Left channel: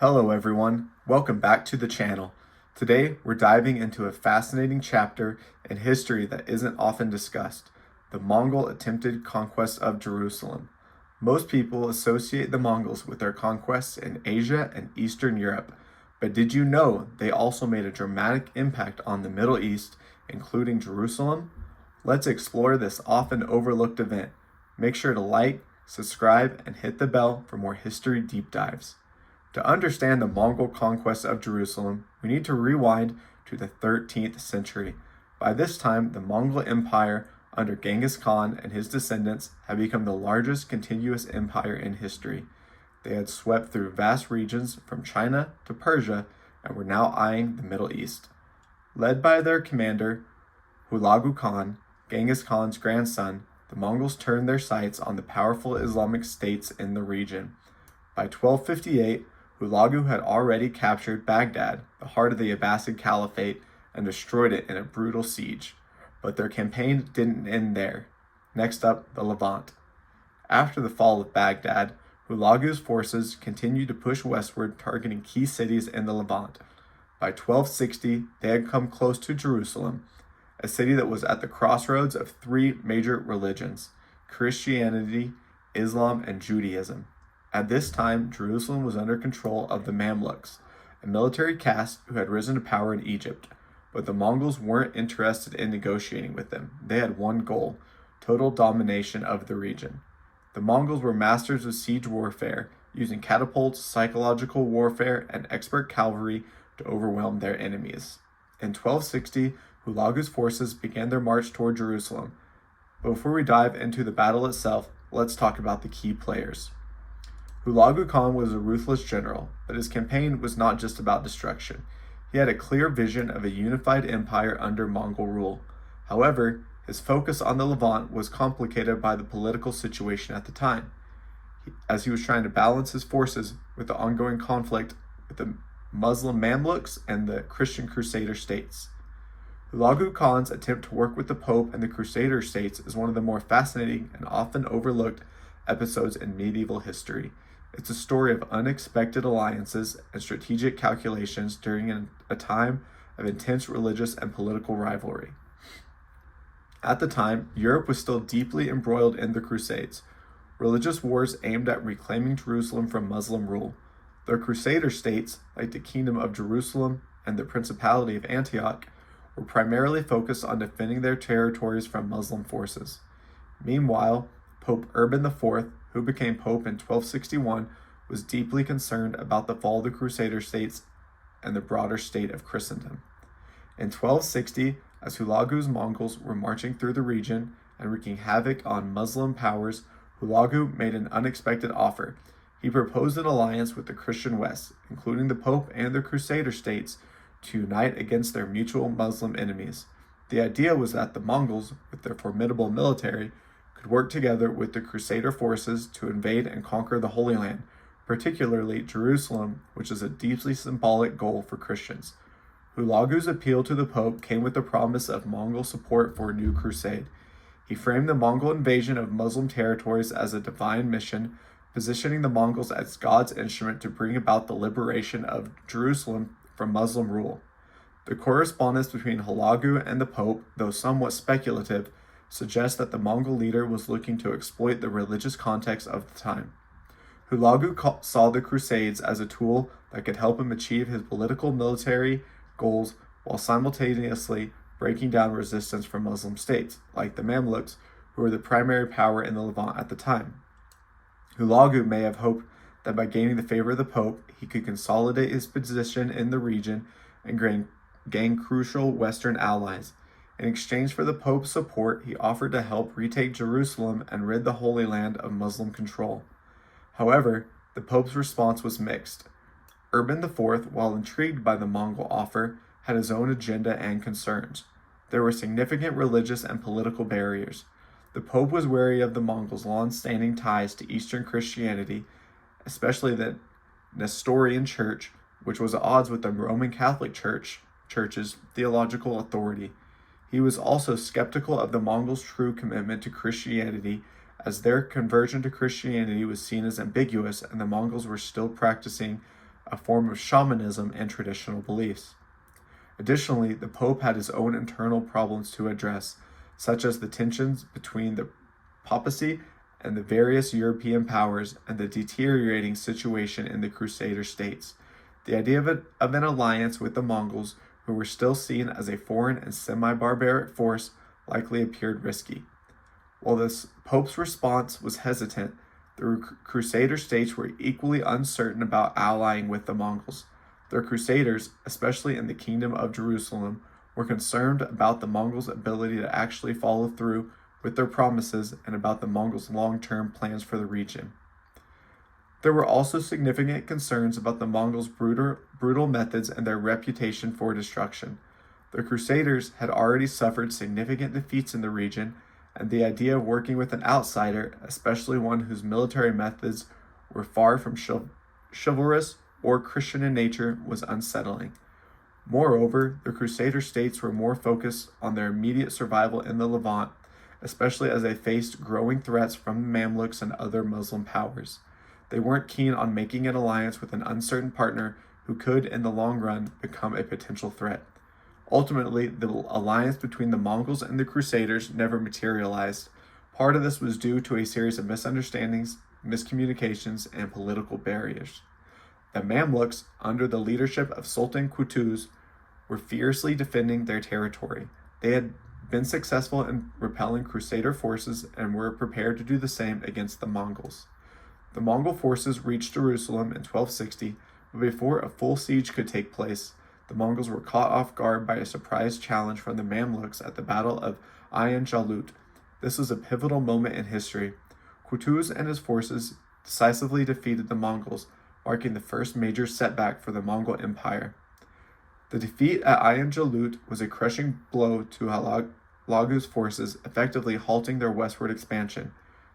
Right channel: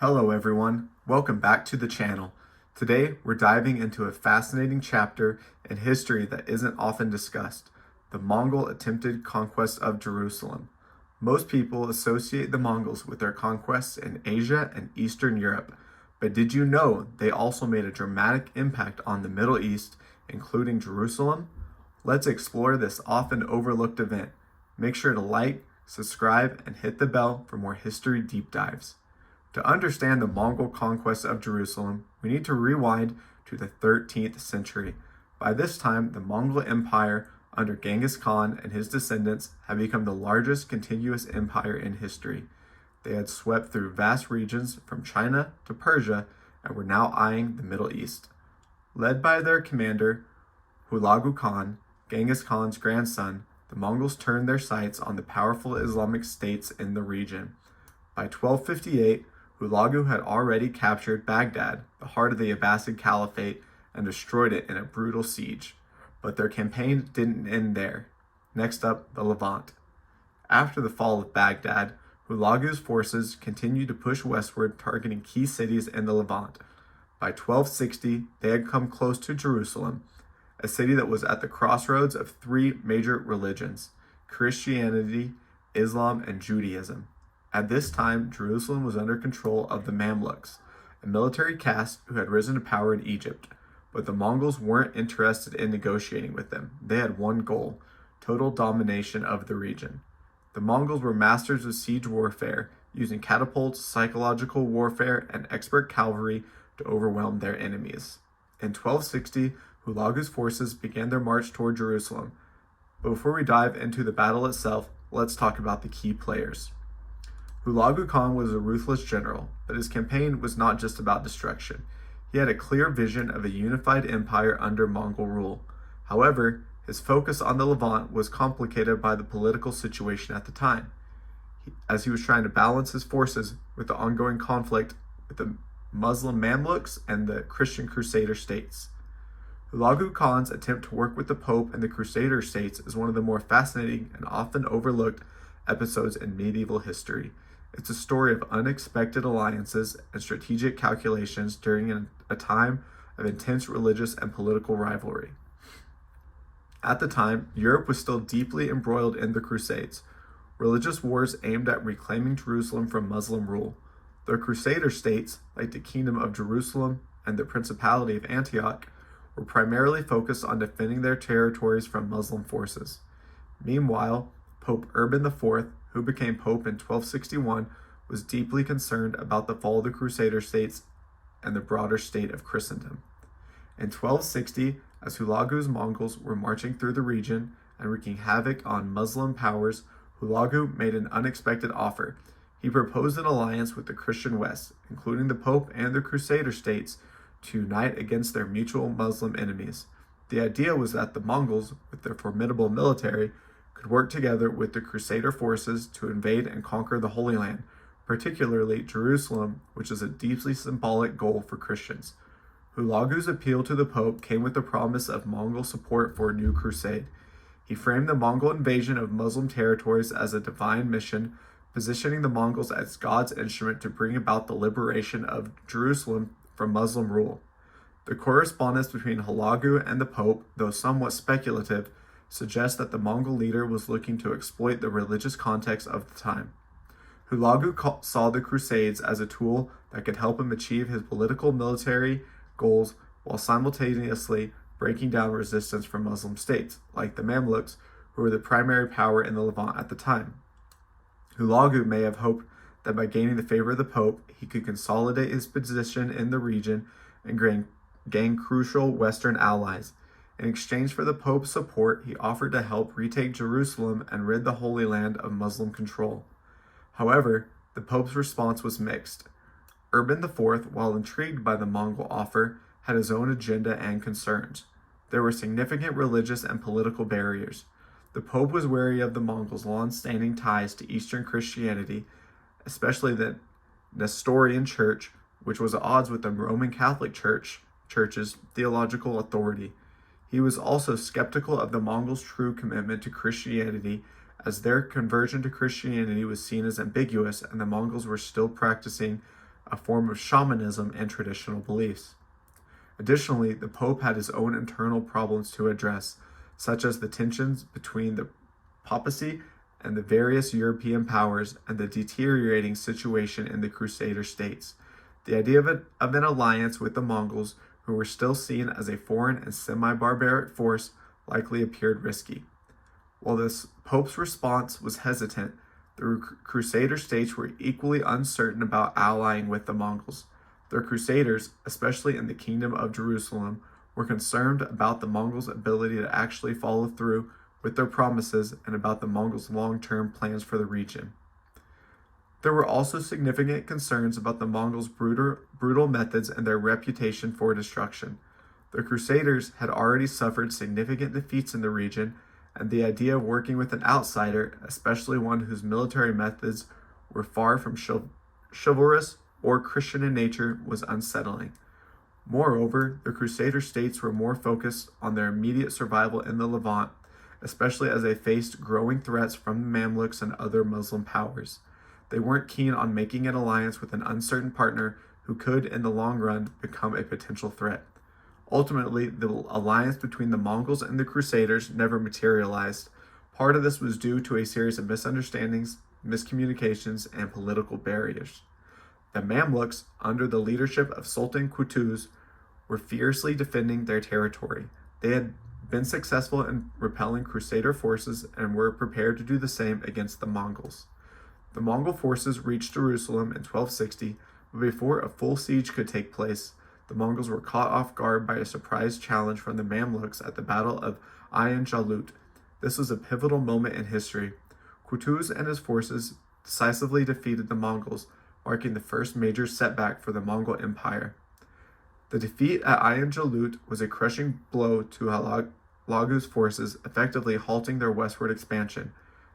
Hello everyone, welcome back to the channel. Today we're diving into a fascinating chapter in history that isn't often discussed, the Mongol attempted conquest of Jerusalem. Most people associate the Mongols with their conquests in Asia and Eastern Europe, but did you know they also made a dramatic impact on the Middle East, including Jerusalem? Let's explore this often overlooked event. Make sure to like, subscribe, and hit the bell for more history deep dives. To understand the Mongol conquest of Jerusalem, we need to rewind to the 13th century. By this time, the Mongol Empire under Genghis Khan and his descendants had become the largest contiguous empire in history. They had swept through vast regions from China to Persia and were now eyeing the Middle East. Led by their commander, Hulagu Khan, Genghis Khan's grandson, the Mongols turned their sights on the powerful Islamic states in the region. By 1258, Hulagu had already captured Baghdad, the heart of the Abbasid Caliphate, and destroyed it in a brutal siege. But their campaign didn't end there. Next up, the Levant. After the fall of Baghdad, Hulagu's forces continued to push westward, targeting key cities in the Levant. By 1260, they had come close to Jerusalem, a city that was at the crossroads of three major religions: Christianity, Islam, and Judaism. At this time, Jerusalem was under control of the Mamluks, a military caste who had risen to power in Egypt. But the Mongols weren't interested in negotiating with them. They had one goal: total domination of the region. The Mongols were masters of siege warfare, using catapults, psychological warfare, and expert cavalry to overwhelm their enemies. In 1260, Hulagu's forces began their march toward Jerusalem. But before we dive into the battle itself, let's talk about the key players. Hulagu Khan was a ruthless general, but his campaign was not just about destruction. He had a clear vision of a unified empire under Mongol rule. However, his focus on the Levant was complicated by the political situation at the time, as he was trying to balance his forces with the ongoing conflict with the Muslim Mamluks and the Christian Crusader States. Hulagu Khan's attempt to work with the Pope and the Crusader States is one of the more fascinating and often overlooked episodes in medieval history. It's a story of unexpected alliances and strategic calculations during a time of intense religious and political rivalry. At the time, Europe was still deeply embroiled in the Crusades, religious wars aimed at reclaiming Jerusalem from Muslim rule. The Crusader states, like the Kingdom of Jerusalem and the Principality of Antioch, were primarily focused on defending their territories from Muslim forces. Meanwhile, Pope Urban IV, who became Pope in 1261, was deeply concerned about the fall of the Crusader states and the broader state of Christendom. In 1260, as Hulagu's Mongols were marching through the region and wreaking havoc on Muslim powers, Hulagu made an unexpected offer. He proposed an alliance with the Christian West, including the Pope and the Crusader states, to unite against their mutual Muslim enemies. The idea was that the Mongols, with their formidable military, could work together with the Crusader forces to invade and conquer the Holy Land, particularly Jerusalem, which is a deeply symbolic goal for Christians. Hulagu's appeal to the Pope came with the promise of Mongol support for a new crusade. He framed the Mongol invasion of Muslim territories as a divine mission, positioning the Mongols as God's instrument to bring about the liberation of Jerusalem from Muslim rule. The correspondence between Hulagu and the Pope, though somewhat speculative, suggests that the Mongol leader was looking to exploit the religious context of the time. Hulagu saw the Crusades as a tool that could help him achieve his political military goals while simultaneously breaking down resistance from Muslim states, like the Mamluks, who were the primary power in the Levant at the time. Hulagu may have hoped that by gaining the favor of the Pope, he could consolidate his position in the region and gain crucial Western allies. In exchange for the Pope's support, he offered to help retake Jerusalem and rid the Holy Land of Muslim control. However, the Pope's response was mixed. Urban IV, while intrigued by the Mongol offer, had his own agenda and concerns. There were significant religious and political barriers. The Pope was wary of the Mongols' long-standing ties to Eastern Christianity, especially the Nestorian Church, which was at odds with the Roman Catholic Church's theological authority. He was also skeptical of the Mongols' true commitment to Christianity, as their conversion to Christianity was seen as ambiguous and the Mongols were still practicing a form of shamanism and traditional beliefs. Additionally, the Pope had his own internal problems to address, such as the tensions between the papacy and the various European powers and the deteriorating situation in the Crusader States. The idea of an alliance with the Mongols, who were still seen as a foreign and semi-barbaric force, likely appeared risky. While the Pope's response was hesitant, the Crusader States were equally uncertain about allying with the Mongols. The Crusaders, especially in the Kingdom of Jerusalem, were concerned about the Mongols' ability to actually follow through with their promises and about the Mongols' long-term plans for the region. There were also significant concerns about the Mongols' brutal methods and their reputation for destruction. The Crusaders had already suffered significant defeats in the region, and the idea of working with an outsider, especially one whose military methods were far from chivalrous or Christian in nature, was unsettling. Moreover, the Crusader states were more focused on their immediate survival in the Levant, especially as they faced growing threats from the Mamluks and other Muslim powers. They weren't keen on making an alliance with an uncertain partner who could, in the long run, become a potential threat. Ultimately, the alliance between the Mongols and the Crusaders never materialized. Part of this was due to a series of misunderstandings, miscommunications, and political barriers. The Mamluks, under the leadership of Sultan Qutuz, were fiercely defending their territory. They had been successful in repelling Crusader forces and were prepared to do the same against the Mongols. The Mongol forces reached Jerusalem in 1260, but before a full siege could take place, the Mongols were caught off guard by a surprise challenge from the Mamluks at the Battle of Ayin Jalut. This was a pivotal moment in history. Qutuz and his forces decisively defeated the Mongols, marking the first major setback for the Mongol Empire. The defeat at Ayin Jalut was a crushing blow to Hulagu's forces, effectively halting their westward expansion.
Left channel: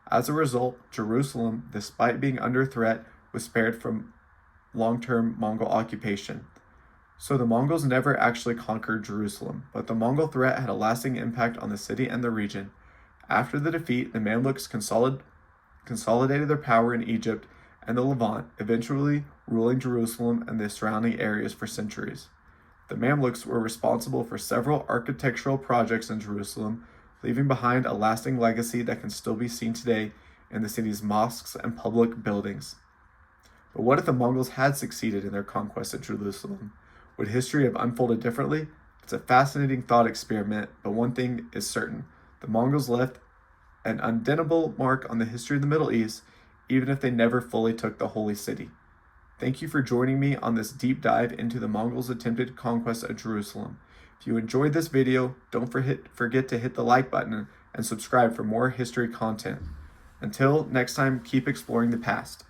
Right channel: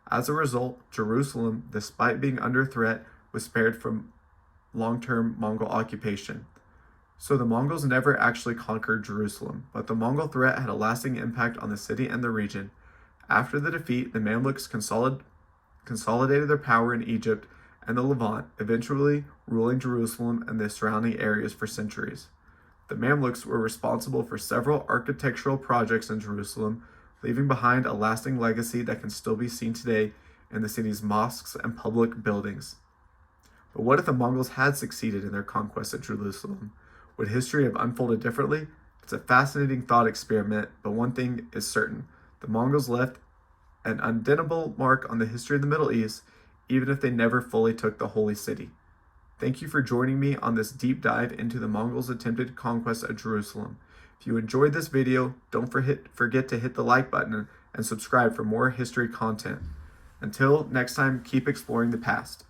As a result, Jerusalem, despite being under threat, was spared from long-term Mongol occupation. So the Mongols never actually conquered Jerusalem, but the Mongol threat had a lasting impact on the city and the region. After the defeat, the Mamluks consolidated their power in Egypt and the Levant, eventually ruling Jerusalem and the surrounding areas for centuries. The Mamluks were responsible for several architectural projects in Jerusalem, leaving behind a lasting legacy that can still be seen today in the city's mosques and public buildings. But what if the Mongols had succeeded in their conquest of Jerusalem? Would history have unfolded differently? It's a fascinating thought experiment, but one thing is certain. The Mongols left an undeniable mark on the history of the Middle East, even if they never fully took the Holy City. Thank you for joining me on this deep dive into the Mongols' attempted conquest of Jerusalem. If you enjoyed this video, don't forget to hit the like button and subscribe for more history content. Until next time, keep exploring the past.